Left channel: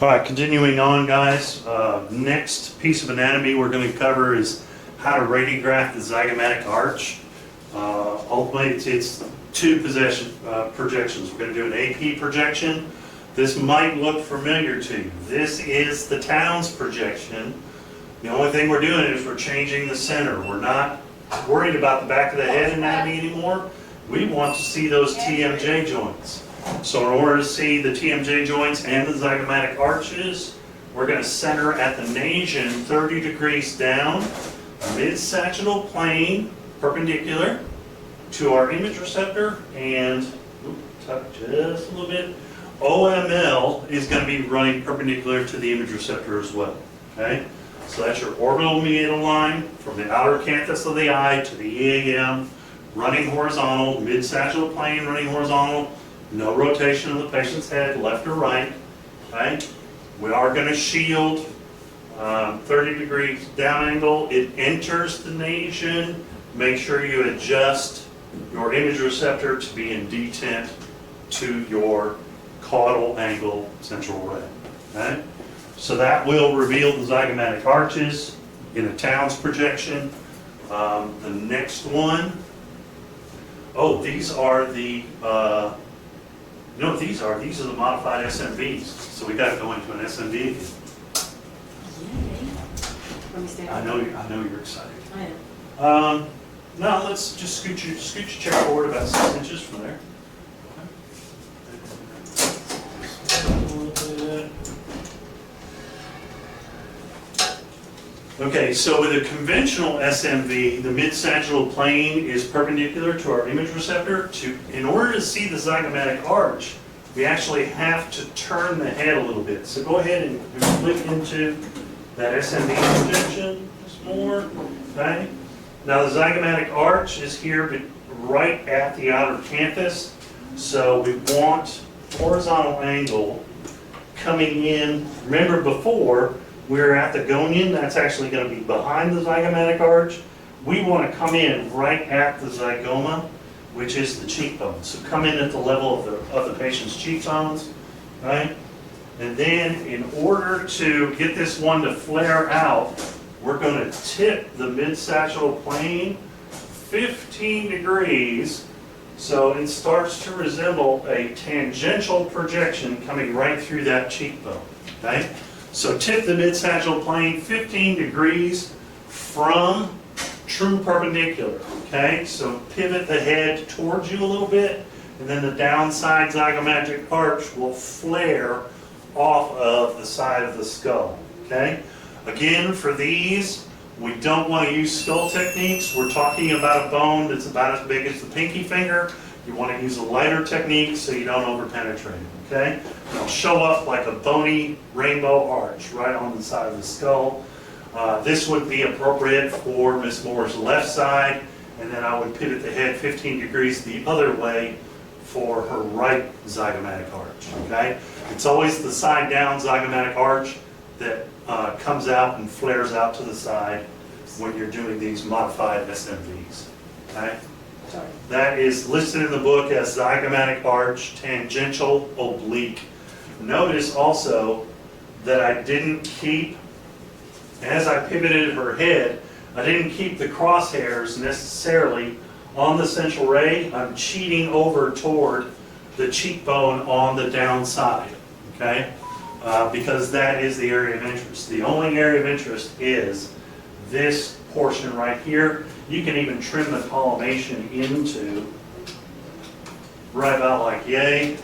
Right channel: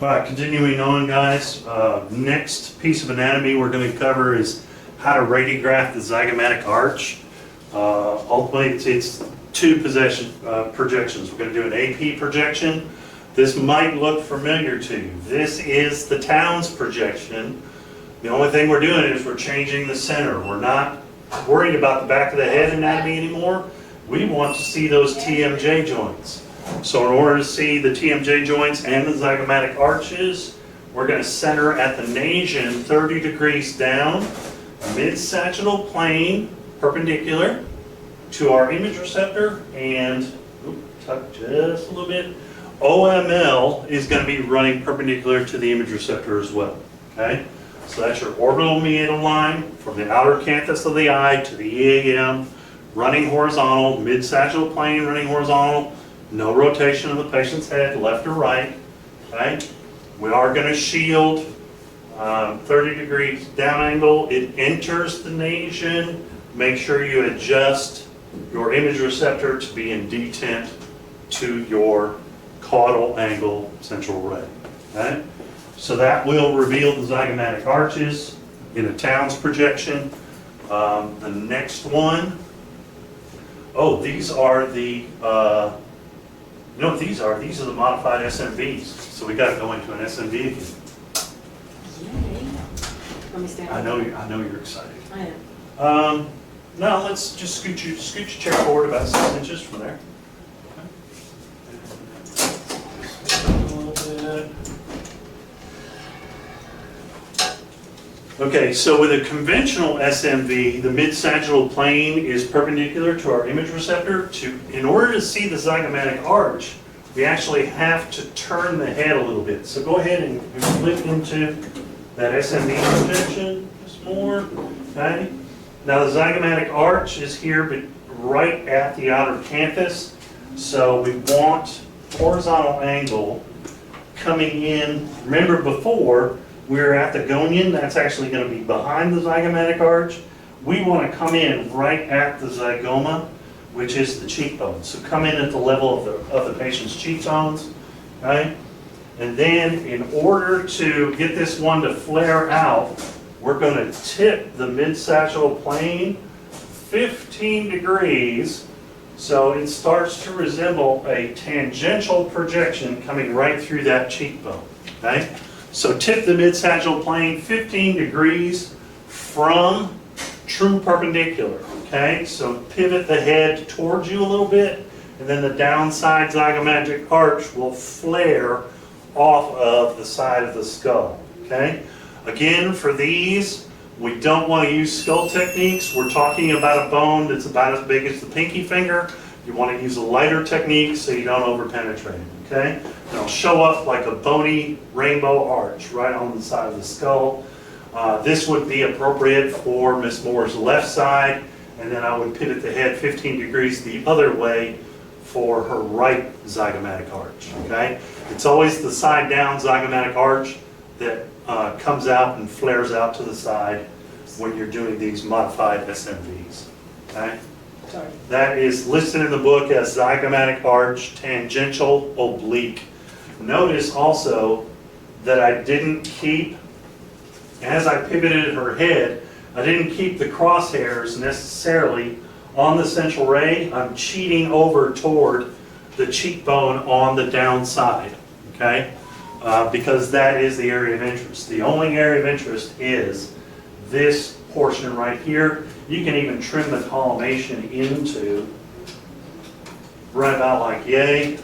All right, continuing on, guys. Next piece of anatomy we're going to cover is how to radiograph the zygomatic arch. Ultimately, it's two projections. We're going to do an AP projection. This might look familiar to you. This is the Townes projection. The only thing we're doing is we're changing the center. We're not worried about the back of the head anatomy anymore. We want to see those TMJ joints. So in order to see the TMJ joints and the zygomatic arches, we're going to center at the nasion 30 degrees down, mid-sagittal plane, perpendicular to our image receptor, and tuck just a little bit. OML is going to be running perpendicular to the image receptor as well. Okay, so that's your orbital meatal line from the outer canthus of the eye to the EAM, running horizontal, mid-sagittal plane running horizontal. No rotation of the patient's head, left or right. Okay? We are going to shield 30 degrees down angle. It enters the nasion. Make sure you adjust your image receptor to be in detent to your caudal angle central ray. Okay? So that will reveal the zygomatic arches in a Townes projection. The next one, these are the you know what these are? These are the modified SMVs. So we got to go into an SMV again. Yay. Let me stand. I know you're excited. I am. Now let's just scoot your chair forward about 6 inches from there. A little bit. Okay, so with a conventional SMV, the mid-sagittal plane is perpendicular to our image receptor. In order to see the zygomatic arch, we actually have to turn the head a little bit. So go ahead and flip into that SMV projection just more. Okay. Now the zygomatic arch is here, but right at the outer canthus. So we want horizontal angle coming in. Remember before, we're at the gonion, that's actually going to be behind the zygomatic arch. We want to come in right at the zygoma, which is the cheekbone. So come in at the level of the patient's cheekbones, right? And then in order to get this one to flare out, we're going to tip the mid-sagittal plane 15 degrees so it starts to resemble a tangential projection coming right through that cheekbone, okay? So tip the mid-sagittal plane 15 degrees from true perpendicular, okay? So pivot the head towards you a little bit, and then the downside zygomatic arch will flare off of the side of the skull, okay? Again, for these, we don't want to use skull techniques. We're talking about a bone that's about as big as the pinky finger. You want to use a lighter technique so you don't over-penetrate, okay? And it'll show up like a bony rainbow arch right on the side of the skull. This would be appropriate for Miss Moore's left side, and then I would pivot the head 15 degrees the other way for her right zygomatic arch, okay? It's always the side down zygomatic arch that comes out and flares out to the side when you're doing these modified SMVs, okay? Sorry. That is listed in the book as zygomatic arch tangential oblique. Notice also that I didn't keep, as I pivoted her head, I didn't keep the crosshairs necessarily on the central ray. I'm cheating over toward the cheekbone on the downside, okay? Because that is the area of interest. The only area of interest is this portion right here. You can even trim the collimation into right about like yay,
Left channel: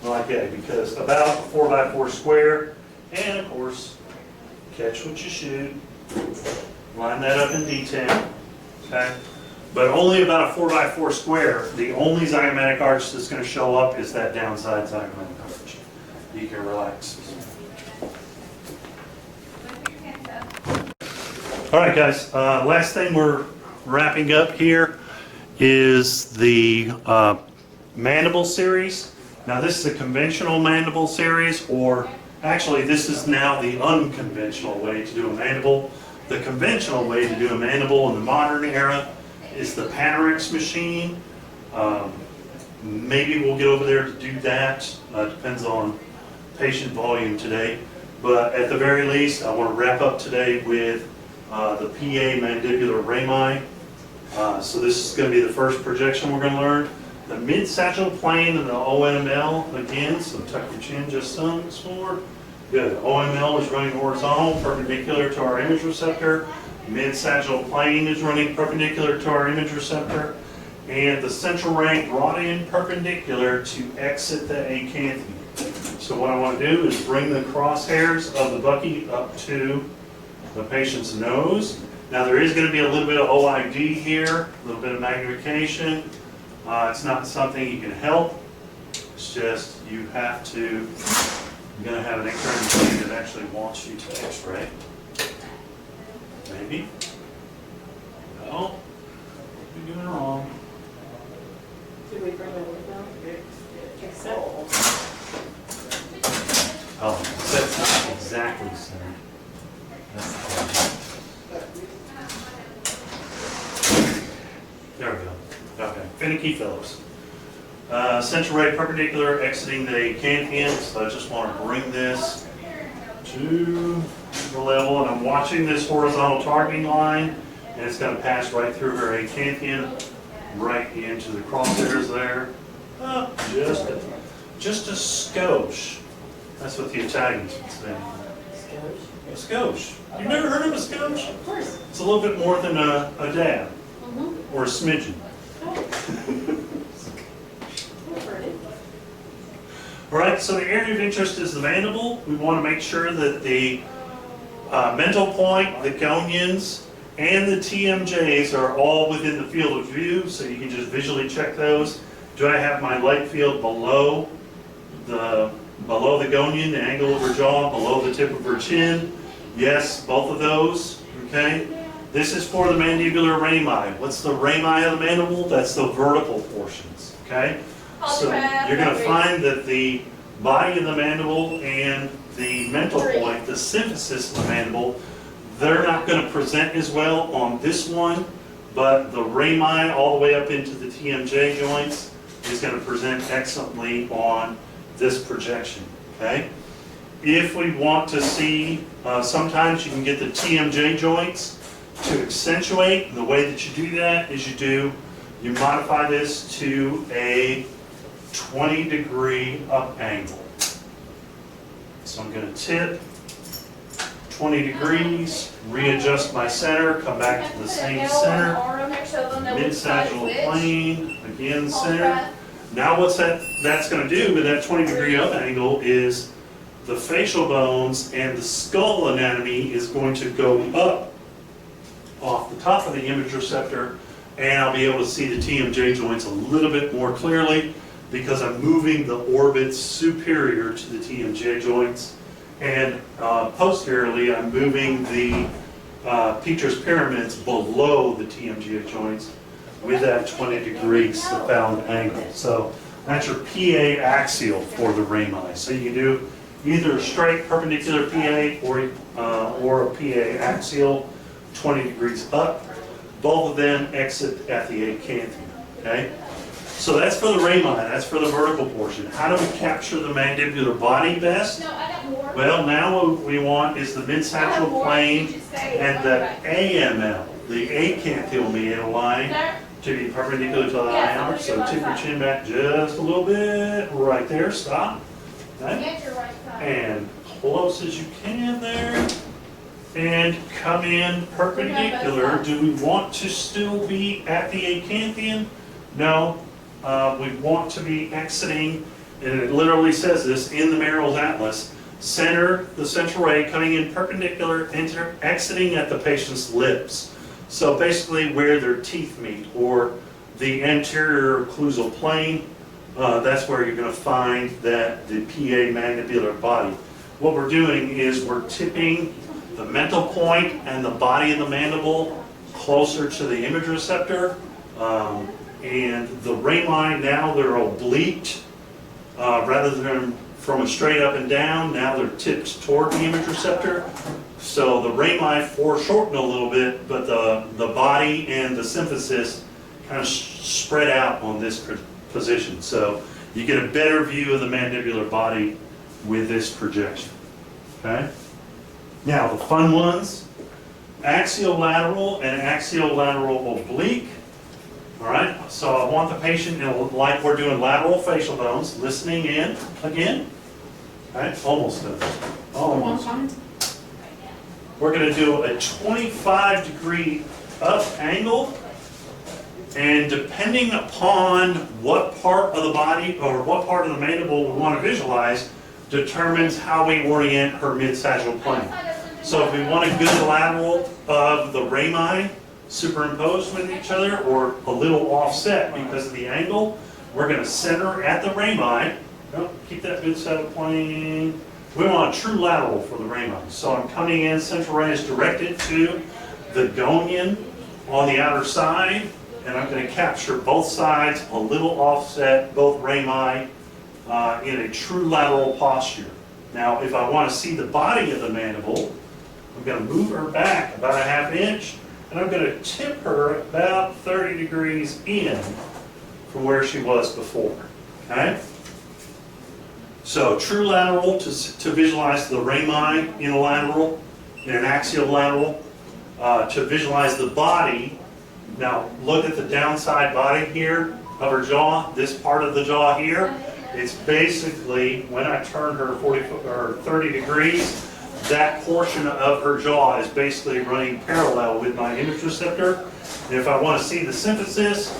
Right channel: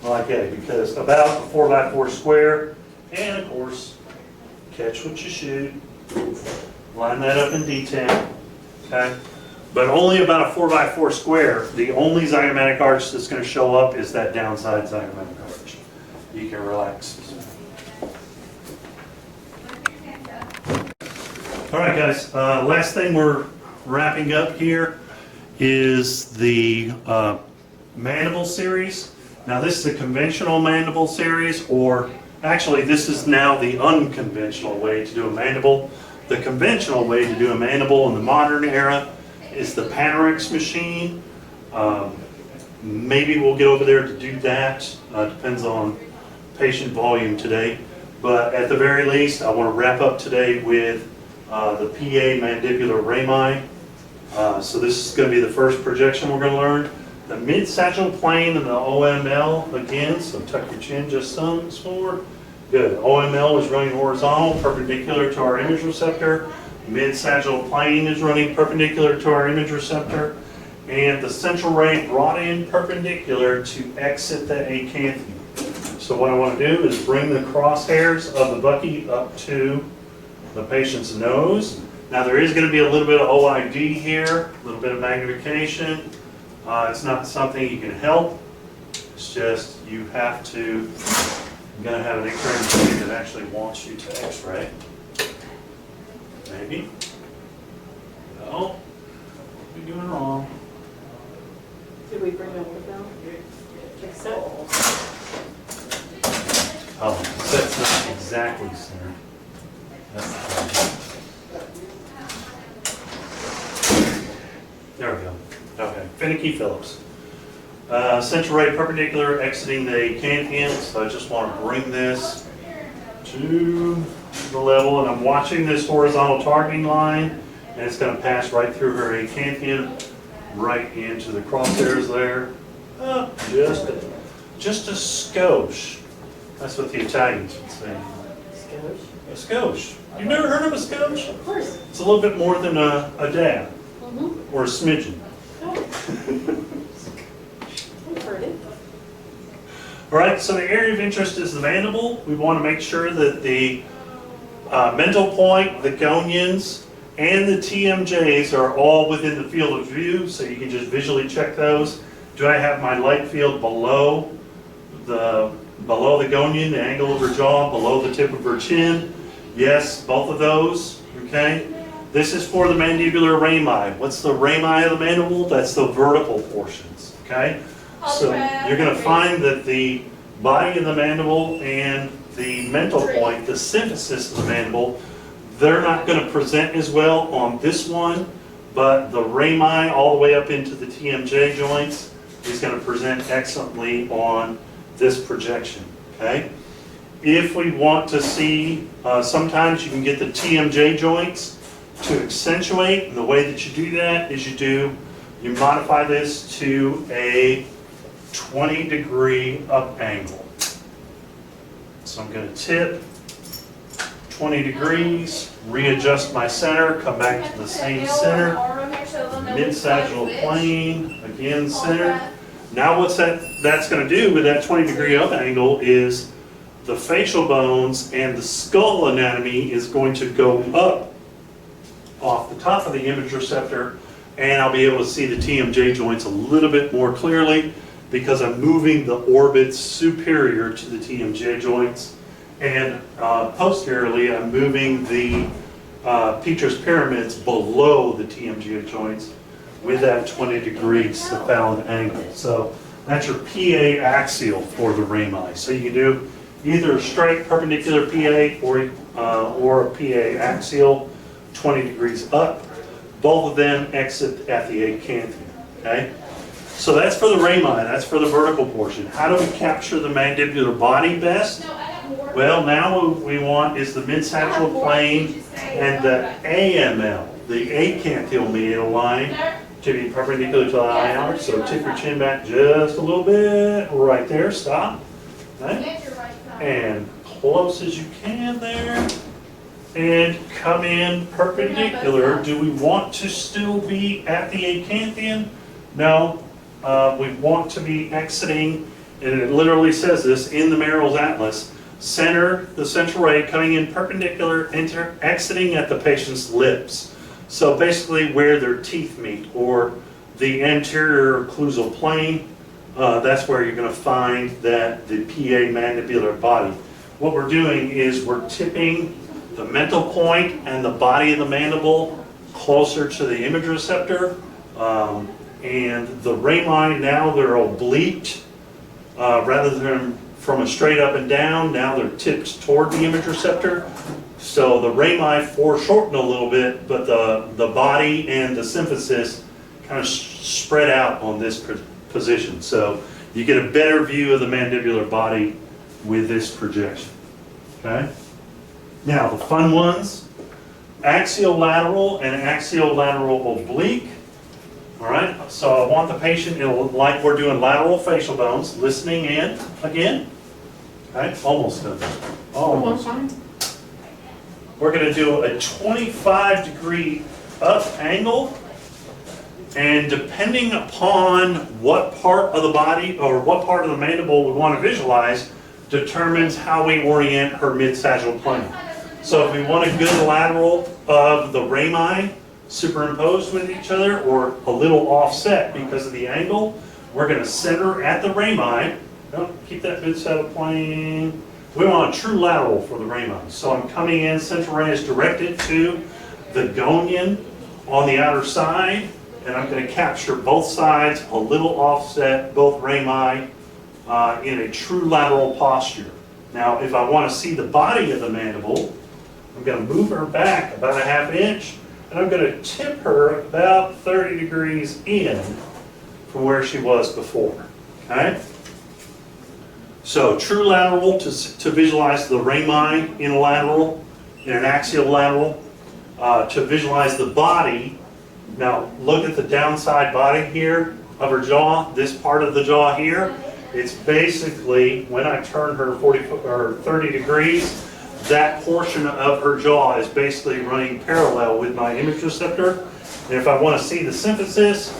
because about a 4x4 square, and of course, catch what you shoot, line that up in detent, okay? But only about a 4x4 square. The only zygomatic arch that's going to show up is that downside zygomatic arch. You can relax. All right, guys. Last thing we're wrapping up here is the mandible series. Now, this is a conventional mandible series, or actually, this is now the unconventional way to do a mandible. The conventional way to do a mandible in the modern era is the Panorix machine. Maybe we'll get over there to do that. Depends on patient volume today. But at the very least, I want to wrap up today with the PA mandibular rami. So this is going to be the first projection we're going to learn. The mid-sagittal plane and the OML again, so tuck your chin just some more. Good. OML is running horizontal, perpendicular to our image receptor. Mid-sagittal plane is running perpendicular to our image receptor. And the central ray brought in perpendicular to exit the acanthium. So what I want to do is bring the crosshairs of the bucky up to the patient's nose. Now there is going to be a little bit of OID here, a little bit of magnification. It's not something you can help. It's just you have to, you're going to have an X-ray machine that actually wants you to X-ray. Maybe. No. What are we doing wrong? Did we bring it over down? Except. Oh, that's not exactly centered. That's the problem. There we go. Okay, finicky Phillips. Central ray perpendicular exiting the acanthium, so I just want to bring this to the level, and I'm watching this horizontal targeting line, and it's going to pass right through her acanthium, right into the crosshairs there. Just a skosh. That's what the Italians would say. Skosh. A skosh. You've never heard of a skosh? Of course. It's a little bit more than a dab Mm-hmm. or a smidgen. I've heard it. All right, so the area of interest is the mandible. We want to make sure that the mental point, the gonions, and the TMJs are all within the field of view, so you can just visually check those. Do I have my light field below the gonion, the angle of her jaw, below the tip of her chin? Yes, both of those, okay? This is for the mandibular rami. What's the rami of the mandible? That's the vertical portions, okay? So you're going to find that the body of the mandible and the mental point, the symphysis of the mandible, they're not going to present as well on this one, but the rami all the way up into the TMJ joints is going to present excellently on this projection, okay? If we want to see, sometimes you can get the TMJ joints to accentuate, and the way that you do that is you modify this to a 20-degree up angle. So I'm going to tip 20 degrees, readjust my center, come back to the same center, mid-sagittal plane, again center. Now what's that's going to do with that 20-degree up angle is the facial bones and the skull anatomy is going to go up off the top of the image receptor, and I'll be able to see the TMJ joints a little bit more clearly because I'm moving the orbits superior to the TMJ joints, and posteriorly I'm moving the Petrus pyramids below the TMJ joints with that 20-degree cephalic angle. So that's your PA axial for the rami. So you can do either a straight perpendicular PA or a PA axial, 20 degrees up. Both of them exit at the acanthium, okay? So that's for the rami, that's for the vertical portion. How do we capture the mandibular body best? Well, now what we want is the mid-sagittal plane and the AML, the acanthial medial line, to be perpendicular to the eye arch. So tip your chin back just a little bit, right there, stop. Okay? And close as you can there. And come in perpendicular. Do we want to still be at the acanthium? No. We want to be exiting, and it literally says this in the Merrill's Atlas, center the central ray coming in perpendicular, exiting at the patient's lips. So basically where their teeth meet, or the anterior occlusal plane, that's where you're going to find that the PA mandibular body. What we're doing is we're tipping the mental point and the body of the mandible closer to the image receptor, and the rami now they're oblique rather than from a straight up and down. Now they're tipped toward the image receptor. So the rami foreshorten a little bit, but the body and the symphysis kind of spread out on this position. So you get a better view of the mandibular body with this projection, okay? Now, the fun ones, axiolateral and axiolateral oblique. All right, so I want the patient, like we're doing lateral facial bones, listening in again. All right, almost done. Almost. We're going to do a 25-degree up angle, and depending upon what part of the body or what part of the mandible we want to visualize, determines how we orient her mid-sagittal plane. So if we want a good lateral of the rami superimposed with each other or a little offset because of the angle, we're going to center at the rami. Keep that mid-sagittal plane. We want a true lateral for the rami. So I'm coming in, central ray is directed to the gonian on the outer side, and I'm going to capture both sides, a little offset, both rami, in a true lateral posture. Now, if I want to see the body of the mandible, I'm going to move her back about a ½ inch, and I'm going to tip her about 30 degrees in from where she was before. Okay? So, true lateral to visualize the rami in a lateral, in an axial lateral, to visualize the body. Now, look at the downside body here of her jaw, this part of the jaw here. It's basically, when I turn her 30 degrees, that portion of her jaw is basically running parallel with my image receptor. And if I want to see the symphysis,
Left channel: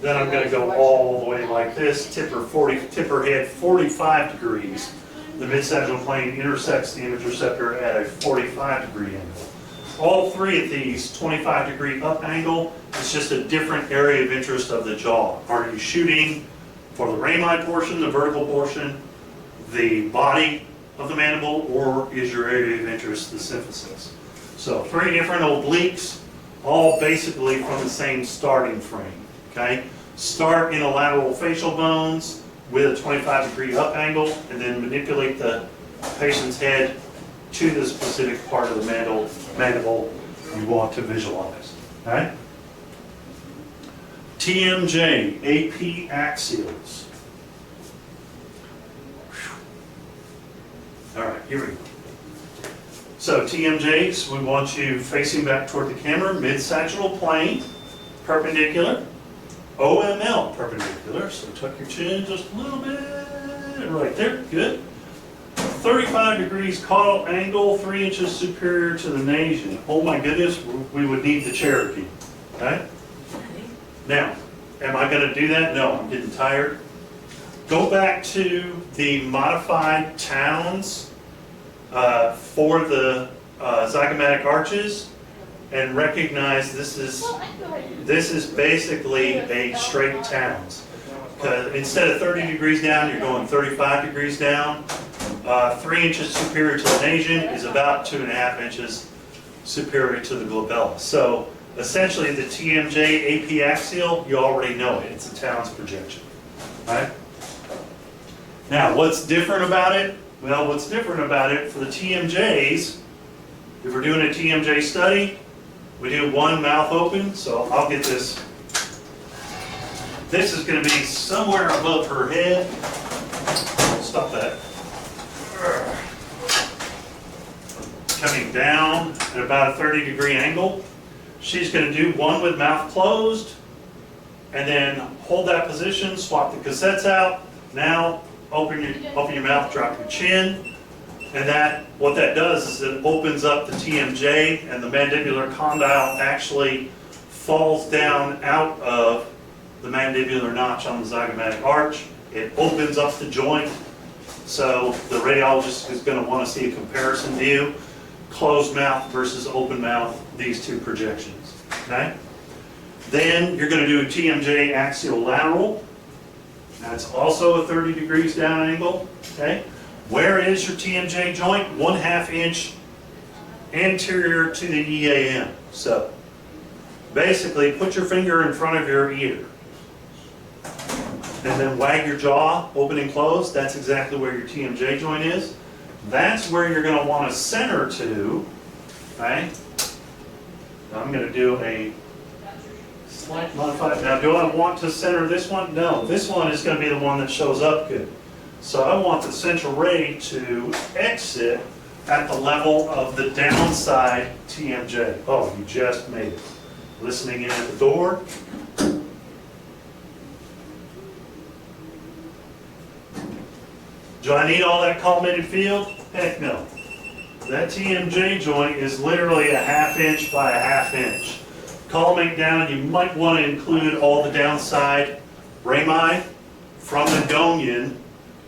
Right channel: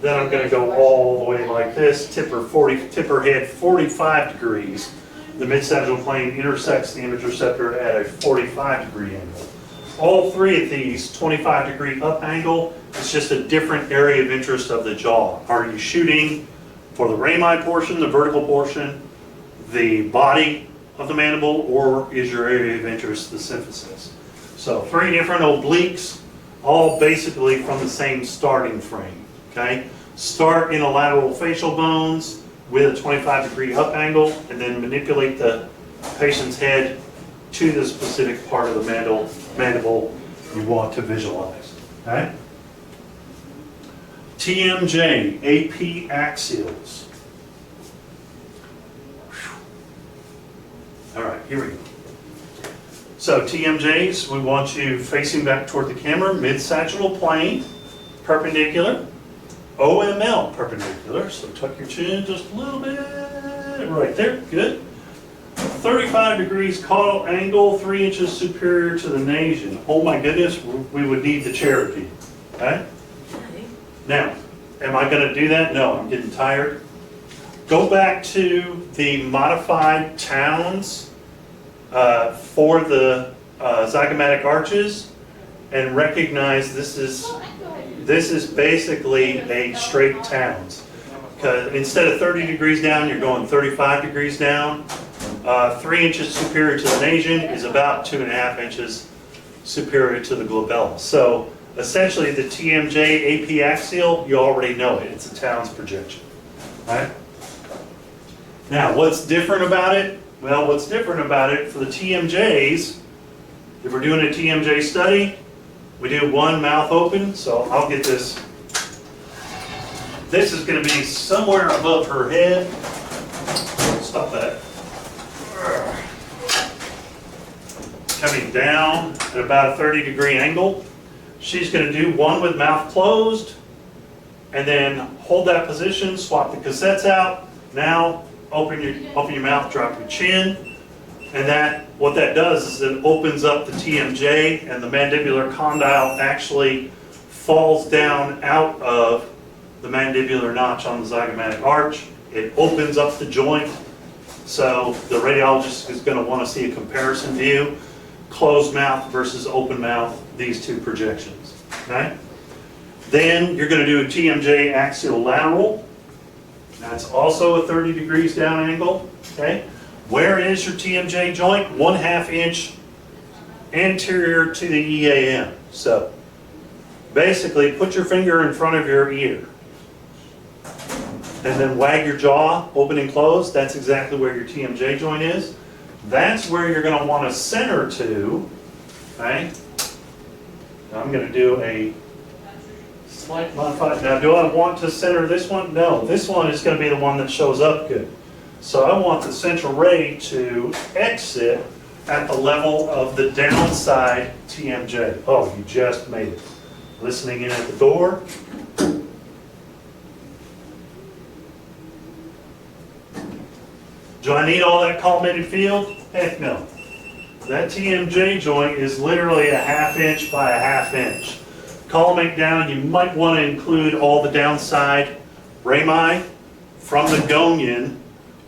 then I'm going to go all the way like this, tip her head 45 degrees. The mid-sagittal plane intersects the image receptor at a 45-degree angle. All three of these, 25-degree up angle, is just a different area of interest of the jaw. Are you shooting for the rami portion, the vertical portion, the body of the mandible, or is your area of interest the symphysis? So 3 different obliques, all basically from the same starting frame. Okay? Start in a lateral facial bones with a 25-degree up angle, and then manipulate the patient's head to the specific part of the mandible you want to visualize. Okay? TMJ, AP axials. All right, here we go. So TMJs, we want you facing back toward the camera, mid-sagittal plane, perpendicular, OML perpendicular, so tuck your chin just a little bit, right there, good. 35 degrees caudal angle, 3 inches superior to the nasion. Oh my goodness, we would need the Cherokee, okay? Now, am I going to do that? No, I'm getting tired. Go back to the modified towns for the zygomatic arches and recognize this is basically a straight towns. Instead of 30 degrees down, you're going 35 degrees down. 3 inches superior to the nasion is about 2.5 inches superior to the glabella. So essentially the TMJ AP axial, you already know it. It's a Towns projection. Right? Now, what's different about it? Well, what's different about it for the TMJs, if we're doing a TMJ study, we do one mouth open, so I'll get this. This is going to be somewhere above her head. Stop that. Coming down at about a 30-degree angle. She's going to do one with mouth closed, and then hold that position, swap the cassettes out. Now, open your mouth, drop your chin, and what that does is it opens up the TMJ, and the mandibular condyle actually falls down out of the mandibular notch on the zygomatic arch. It opens up the joint, so the radiologist is going to want to see a comparison view, closed mouth versus open mouth, these two projections. Okay? Then you're going to do a TMJ axial lateral. That's also a 30 degrees down angle. Okay? Where is your TMJ joint? 1/2 inch anterior to the EAM. So basically put your finger in front of your ear and then wag your jaw open and close. That's exactly where your TMJ joint is. That's where you're going to want to center to. Okay? Now I'm going to do a slight modified. Now, do I want to center this one? No, this one is going to be the one that shows up good. So I want the central ray to exit at the level of the downside TMJ. Oh, you just made it. Listening in at the door. Do I need all that collimated field? Heck no. That TMJ joint is literally a 1/2 inch by a 1/2 inch. Collimate down, you might want to include all the downside rami from the gonion.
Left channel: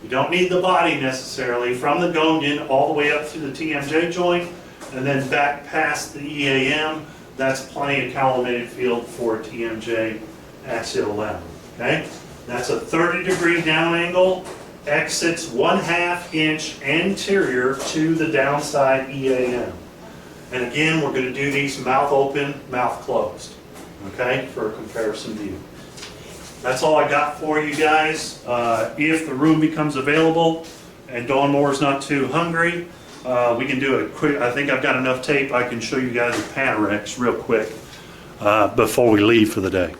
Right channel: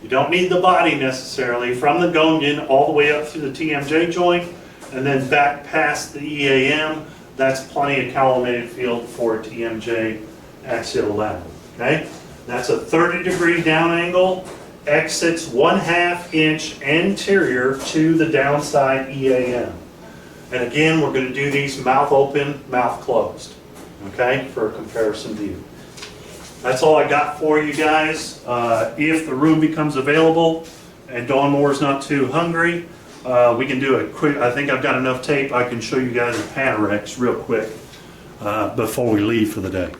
You don't need the body necessarily, from the gonion all the way up through the TMJ joint, and then back past the EAM. That's plenty of collimated field for a TMJ axial level, okay? That's a 30-degree down angle, exits 1/2 inch anterior to the downside EAM. And again, we're going to do these mouth open, mouth closed, okay, for a comparison view. That's all I got for you guys. If the room becomes available and Dawn Moore's not too hungry, we can do a quick, I think I've got enough tape, I can show you guys a Panorex real quick before we leave for the day.